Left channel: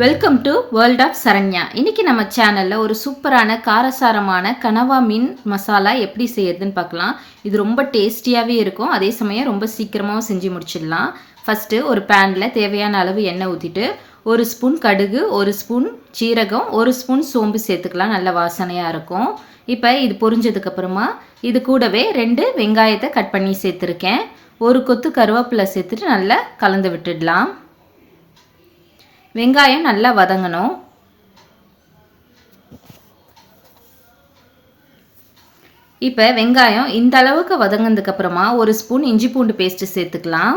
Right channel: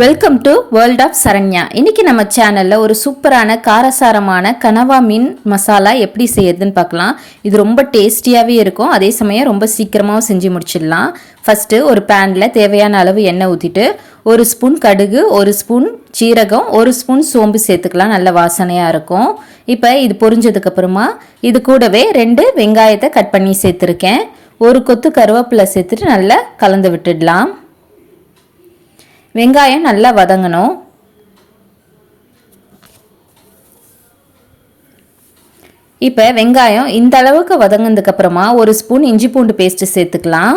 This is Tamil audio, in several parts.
Welcome to world of Saranya. இன்னைக்கு நம்ம சேனலில் ஒரு சூப்பரான காரசாரமான கனவா மீன் மசாலா எப்படி செய்யறதுன்னு பார்க்கலாம். இது ரொம்ப டேஸ்டியாகவே இருக்கும், அதே சமயம் ரொம்ப சீக்கிரமாகவும் செஞ்சு முடிச்சிடலாம். ஃபஸ்ட்டு ஒரு பேனில் தேவையான அளவு எண்ணெய் ஊற்றிட்டு 1 ஸ்பூன் கடுகு, 1 ஸ்பூன் சீரகம், 1 ஸ்பூன் சோம்பு சேர்த்துக்கலாம். நல்ல வாசனையாக இருக்கும். இப்போ இது பொரிஞ்சதுக்கப்புறமா இது கூடவே 2 வெங்காயத்தை கட் பண்ணி சேர்த்துருக்கேன். 1 கொத்து கருவேப்பிலை சேர்த்துட்டு நல்லா கலந்து விட்டுடலாம். வெங்காயம் நல்லா வதங்கணும். இப்போ வெங்காயம் இந்த அளவுக்கு வதங்கினதுக்கு அப்புறமா 1 ஸ்பூன் இஞ்சி பூண்டு பேஸ்ட் சேர்த்துக்கலாம்.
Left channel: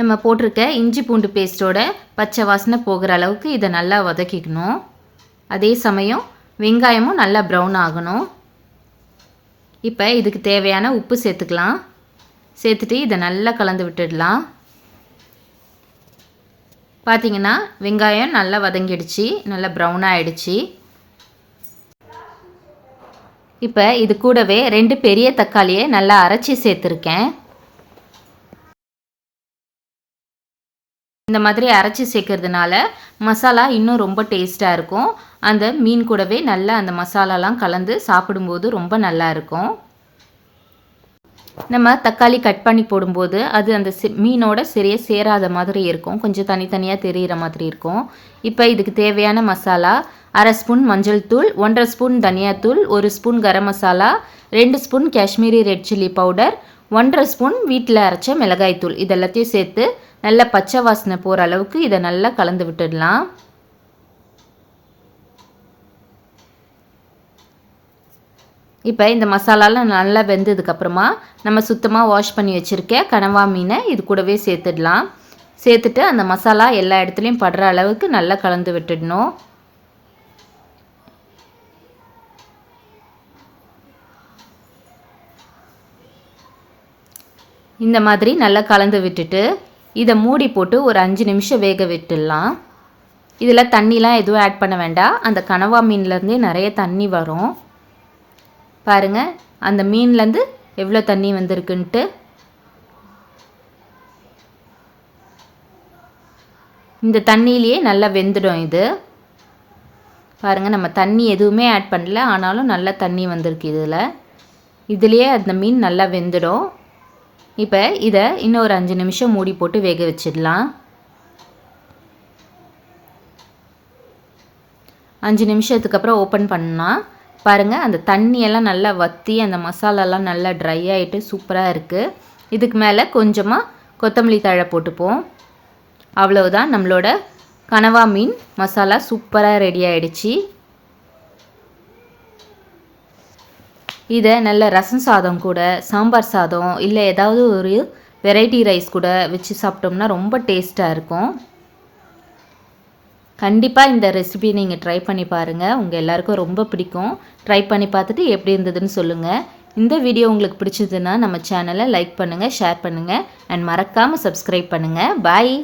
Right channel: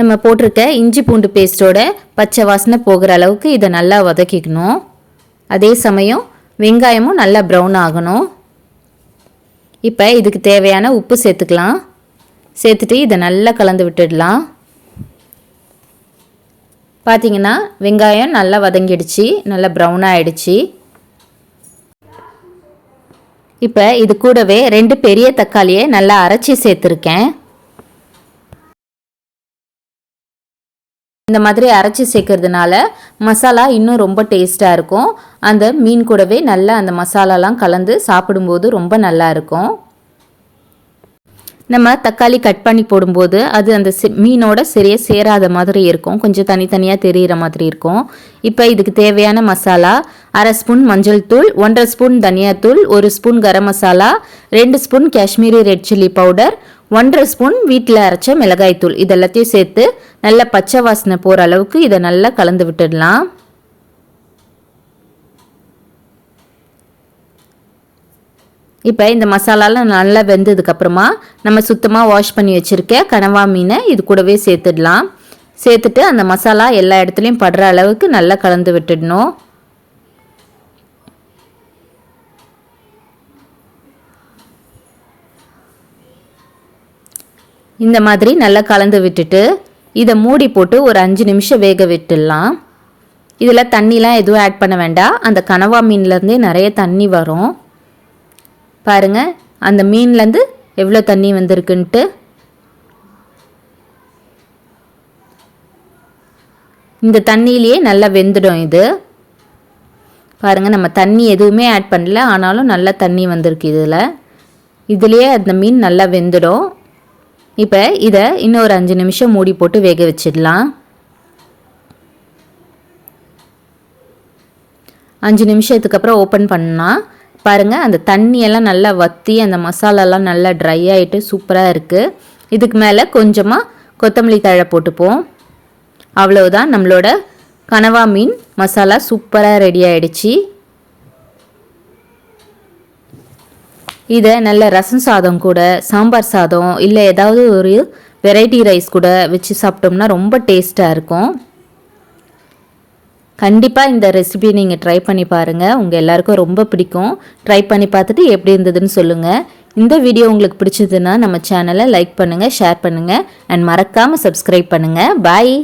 நம்ம போட்டிருக்க இஞ்சி பூண்டு பேஸ்ட்டோட பச்சை வாசனை போகிற அளவுக்கு இதை நல்லா வதக்கிக்கணும். அதே சமயம் வெங்காயமும் நல்லா ப்ரௌன் ஆகணும். இப்போ இதுக்கு தேவையான உப்பு சேர்த்துக்கலாம். சேர்த்துட்டு இதை நல்லா கலந்து விட்டுடலாம். பார்த்தீங்கன்னா வெங்காயம் நல்லா வதங்கிடுச்சு, நல்லா ப்ரௌன் ஆகிடுச்சு. இப்போ இது கூடவே 2 பெரிய தக்காளியை நல்லா அரைச்சி சேர்த்துருக்கேன். இந்த மாதிரி அரைச்சி சேர்க்கறதுனால மசாலா இன்னும் ரொம்ப டேஸ்ட்டாக இருக்கும். அந்த மீன் கூடவே நல்லா அந்த மசாலாலாம் கலந்து சாப்பிடும்போது ரொம்ப நல்லா இருக்கும். நம்ம தக்காளி கட் பண்ணி போடும்போது அது அந்த மீனோட சரியாக சேராத மாதிரி இருக்கும், கொஞ்சம் தனித்தனியாக தெரிகிற மாதிரி இருக்கும். இப்போ இதுக்கு தேவையான மசாலா 1/2 ஸ்பூன் மஞ்சள் தூள், 1/2 ஸ்பூன் தனியாத்தூள், 1 spoon garam masala, 2 spoon Kashmiri red chilli powder, 1/2 spoon வீட்டில் அரைச்ச மிளகாய் தூள், இதெல்லாத்தையும் சேர்த்து நல்லா பச்சை வாசனை போகிற அளவுக்கு இதை நல்லா கலந்து விட்டுடலாம். இப்போ இந்த மசாலாலாம் நல்லா வெந்ததுக்கப்புறமா நம்ம சுத்தமாக வாஷ் பண்ணி வச்சுருக்க கனவா மீனை இது கூடவே சேர்த்துடலாம். சேர்த்துட்டு அந்த மசாலா எல்லா இடத்துலையும் படுற அளவுக்கு நல்லா கலந்து விட்டுடணும். இந்த மாதிரி நல்லா கலந்து விட்டுட்டு இதை மூடி போட்டு ஒரு 5 நிமிஷம் வேக விட்டுடலாம். இதில் தண்ணிலாம் எதுவும் ஆட் பண்ண வேண்டாம், அந்த கனவா மீன்லேருந்தே நிறைய தண்ணி வரும். பாருங்கள் அந்த மீன்லேருந்து எவ்வளோ தண்ணி வந்திருக்குன்ட்டு. இந்த தண்ணியிலேயே நல்லா வெந்துடும் இது. பாருங்கள் நம்ம தண்ணி எதுவுமே ஆட் பண்ணல, ஆனாலும் நல்லா தண்ணி வந்திருக்கு இதுலேயே அந்த மீன் நல்லா வெந்துடும். இப்போ இதை இன்னும் ஒரு 5 நிமிஷம் மூடி போட்டு வேக வச்சிடலாம். 5 நிமிஷத்துக்கு அப்புறம் ஓப்பன் பண்ணால் பாருங்கள் அந்த தண்ணியெல்லாம் நல்லா வற்றி அந்த மசாலாலாம் நல்லா ட்ரை ஆகிட்டு சூப்பராக இருக்குது. இதுக்கு மேலே கொஞ்சமாக கொத்தமல்லி தழை போட்டுப்போம். அவ்வளவுதான், நம்மளோட கனவா மீன் மசாலா சூப்பராக ரெடி ஆகிடுச்சு. இதை நல்ல ரசம் சாதம் கூட, சாம்பார் சாதம், இல்லை ஏதாவது ஒரு வெரைட்டி ரைஸ் கூட வச்சு சாப்பிட்டோம்னா ரொம்ப டேஸ்ட்டாக இருக்கும். கண்டிப்பாக இந்த ரெசிபி நீங்கள் ட்ரை பண்ணி பாருங்கள், உங்கள் எல்லாருக்கும் ரொம்ப பிடிக்கும். ட்ரை பண்ணி பார்த்துட்டு எப்படி இருந்ததுன்னு சொல்லுங்கள். இந்த வீடியோ உங்களுக்கு பிடிச்சதுன்னா நம்ம சேனலை லைக் பண்ணுங்கள், ஷேர் பண்ணுங்கள் அண்ட் மறக்காமல் சப்ஸ்கிரைப் பண்ணுங்கள். பாய்.